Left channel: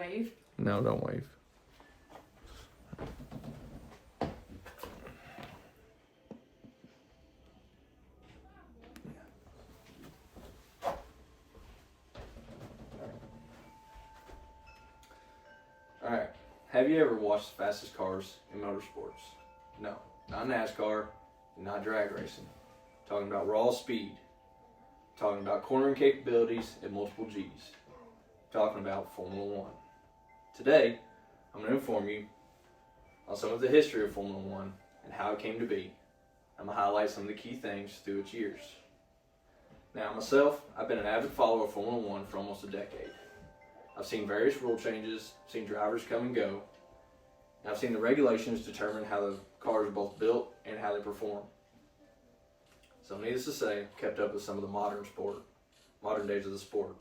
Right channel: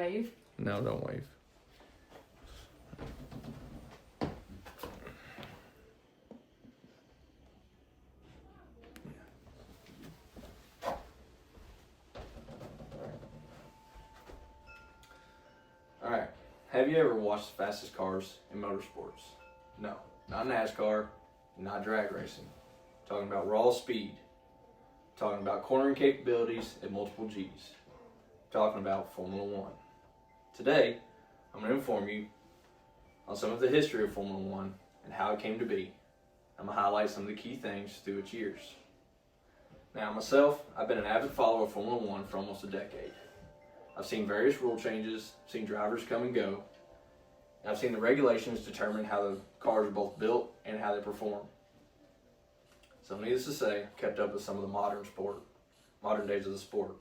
wave? No, don't wave. All right. Have you ever watched the fastest cars in motorsports? No, not NASCAR, not drag racing. Talking about raw speed. Talking about cornering capabilities at multiple Gs. Talking about Formula One. Today, I'm going to inform you on some of the history of Formula One and how it came to be. I'm going to highlight some of the key things through its years. Now, myself, I've been an avid follower of Formula One for almost a decade. I've seen various rule changes, seen drivers come and go, and I've seen the regulations determine how the cars are both built and how they perform. So needless to say, I've kept up with some of the modern days of the sport.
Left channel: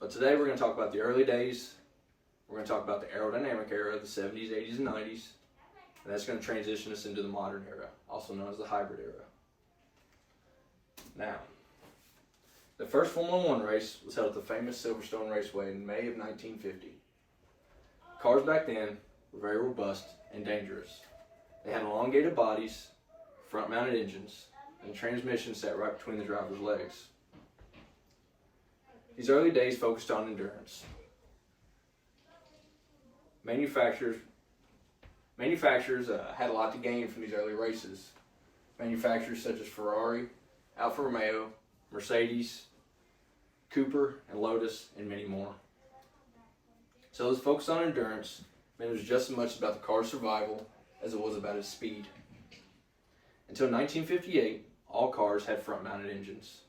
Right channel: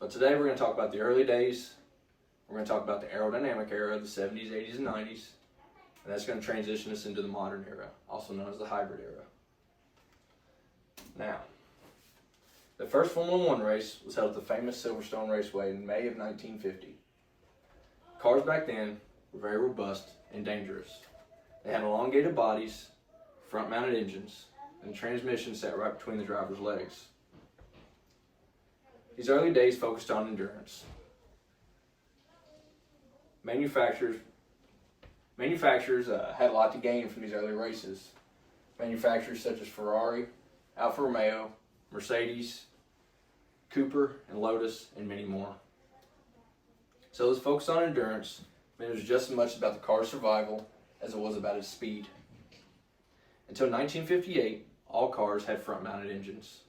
But today we're going to talk about the early days, we're going to talk about the aerodynamic era, the 70s, 80s, and 90s, and that's going to transition us into the modern era, also known as the hybrid era. Now, the first Formula One race was held at the famous Silverstone Raceway in May of 1950. Cars back then were very robust and dangerous. They had elongated bodies, front-mounted engines, and transmission sat right between the driver's legs. These early days focused on endurance. Manufacturers had a lot to gain from these early races. Manufacturers such as Ferrari, Alfa Romeo, Mercedes, Cooper, and Lotus, and many more. So this focus on endurance meant it was just as much about the car's survival as it was about its speed. Until 1958, all cars had front-mounted engines.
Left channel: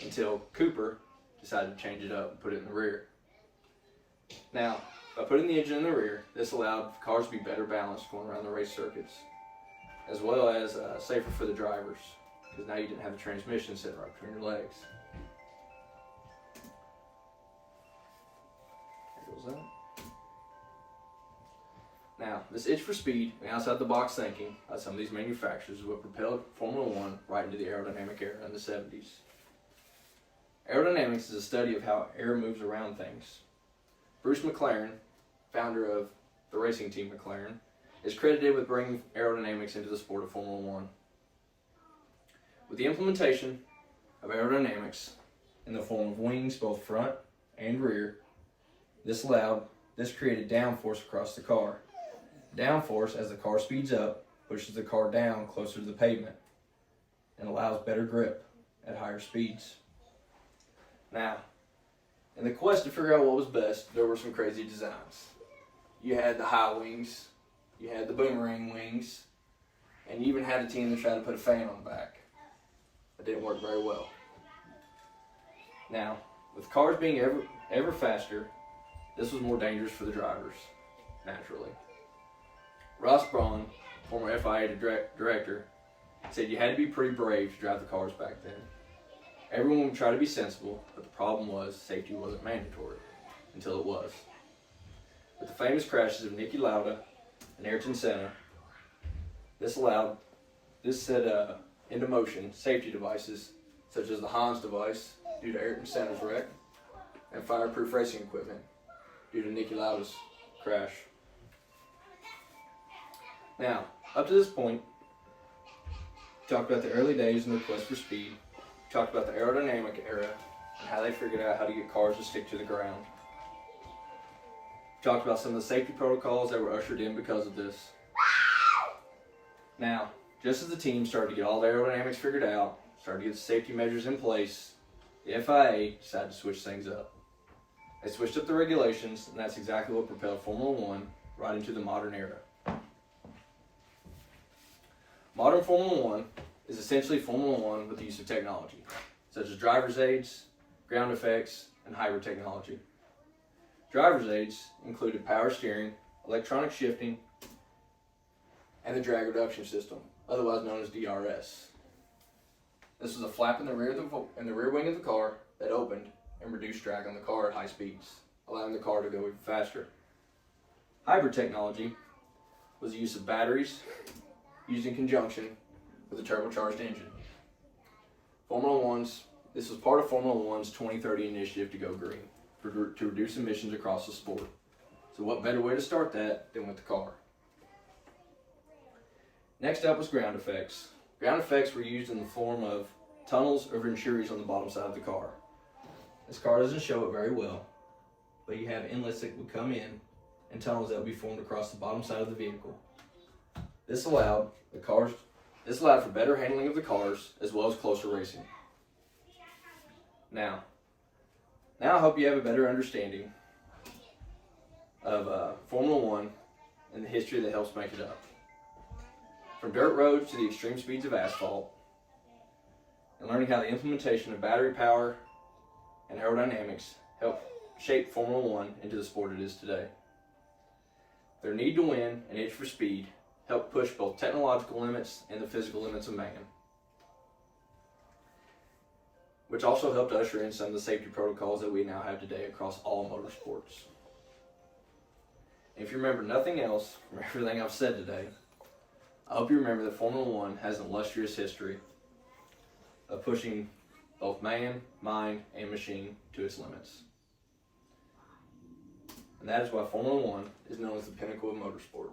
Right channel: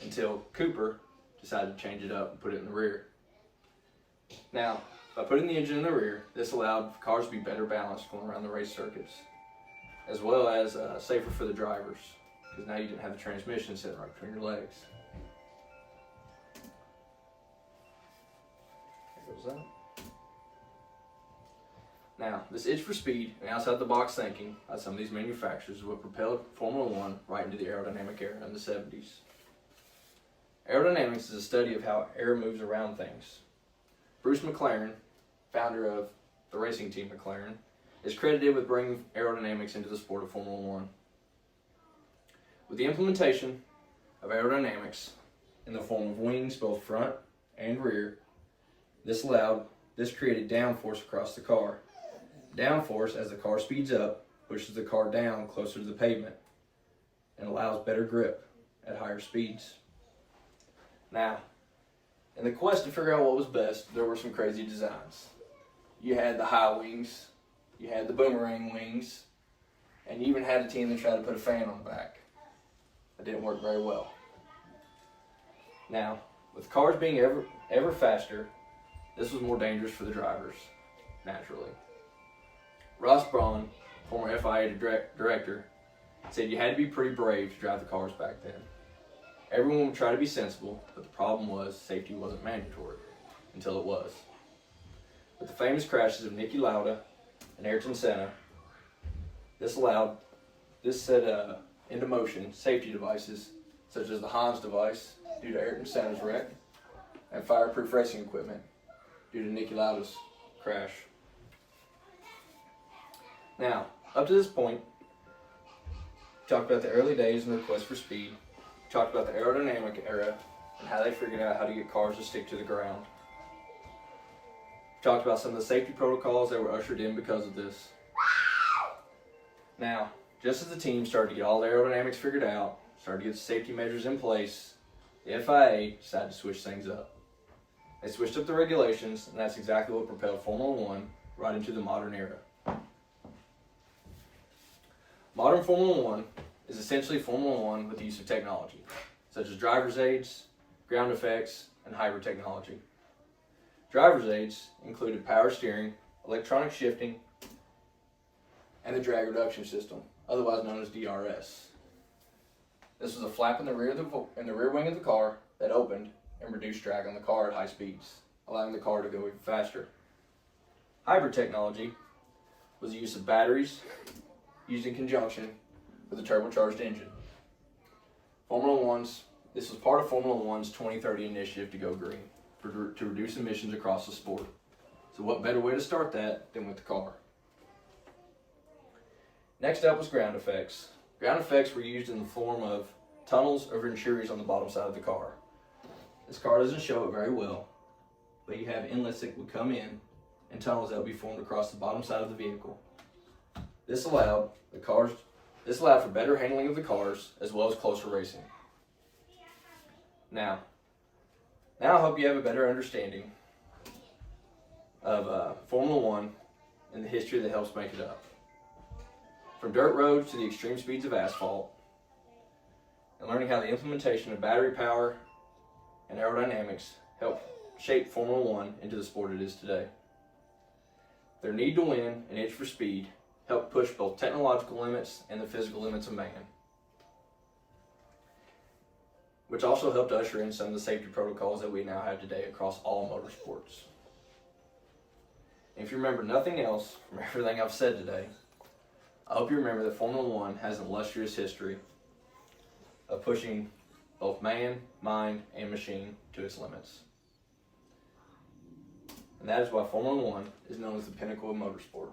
Until Cooper decided to change it up and put it in the rear. Now, by putting the engine in the rear, this allowed cars to be better balanced going around the race circuits, as well as safer for the drivers, because now you didn't have the transmission sitting right between your legs. There goes that. Now, this itch for speed and outside-the-box thinking by some of these manufacturers is what propelled Formula One right into the aerodynamic era in the 70s. Aerodynamics is a study of how air moves around things. Bruce McLaren, founder of the racing team McLaren, is credited with bringing aerodynamics into the sport of Formula One. With the implementation of aerodynamics in the form of wings both front and rear, this created downforce across the car. Downforce, as the car speeds up, pushes the car down closer to the pavement and allows better grip at higher speeds. Now, in the quest to figure out what was best, there were some crazy designs. You had the high wings, you had the boomerang wings, and you even had a team that tried to put a fan on the back. It didn't work very well. Now, with cars being ever faster, this was more dangerous for the drivers, naturally. Ross Brawn, former FIA director, said you had to be pretty brave to drive the cars back then. Everyone would try to be sensible, but the problem was safety wasn't mandatory until it was. With the famous crashes of Niki Lauda and Ayrton Senna, this set into motion safety devices such as the Hans device due to Ayrton Senna's wreck and fireproof racing equipment due to Niki Lauda's crash. Now, up to this point, we talked about the early days and the quest for speed. We talked about the aerodynamic era and how they figured out how to get cars to stick to the ground. We talked about some of the safety protocols that were ushered in because of this. Now, just as the team started to get all the aerodynamics figured out, started to get the safety measures in place, the FIA decided to switch things up. They switched up the regulations, and that's exactly what propelled Formula One right into the modern era. Modern Formula One is essentially Formula One with the use of technology, such as driver's aids, ground effects, and hybrid technology. Driver's aids included power steering, electronic shifting, and the drag reduction system, otherwise known as DRS. This was a flap in the rear wing of the car that opened and reduced drag on the car at high speeds, allowing the car to go even faster. Hybrid technology was the use of batteries used in conjunction with a turbocharged engine. This was part of Formula One's 2030 initiative to go green. to reduce emissions across the sport. So what better way to start that than with the car? Next up was ground effects. Ground effects were used in the form of tunnels or ventures on the bottom side of the car. This car doesn't show it very well, but you have inlets that would come in and tunnels that would be formed across the bottom side of the vehicle. This allowed for better handling of the cars as well as closer racing. Now I hope you have a better understanding of Formula One and the history that helps make it up. From dirt roads to the extreme speeds of asphalt, and learning how the implementation of battery power and aerodynamics helped shape Formula One into the sport it is today. Their need to win and itch for speed helped push both technological limits and the physical limits of man, which also helped usher in some of the safety protocols that we now have today across all motorsports. And if you remember nothing else from everything I've said today, I hope you remember that Formula One has an illustrious history of pushing both man, mind, and machine to its limits. And that is why Formula One is known as the pinnacle of motorsport.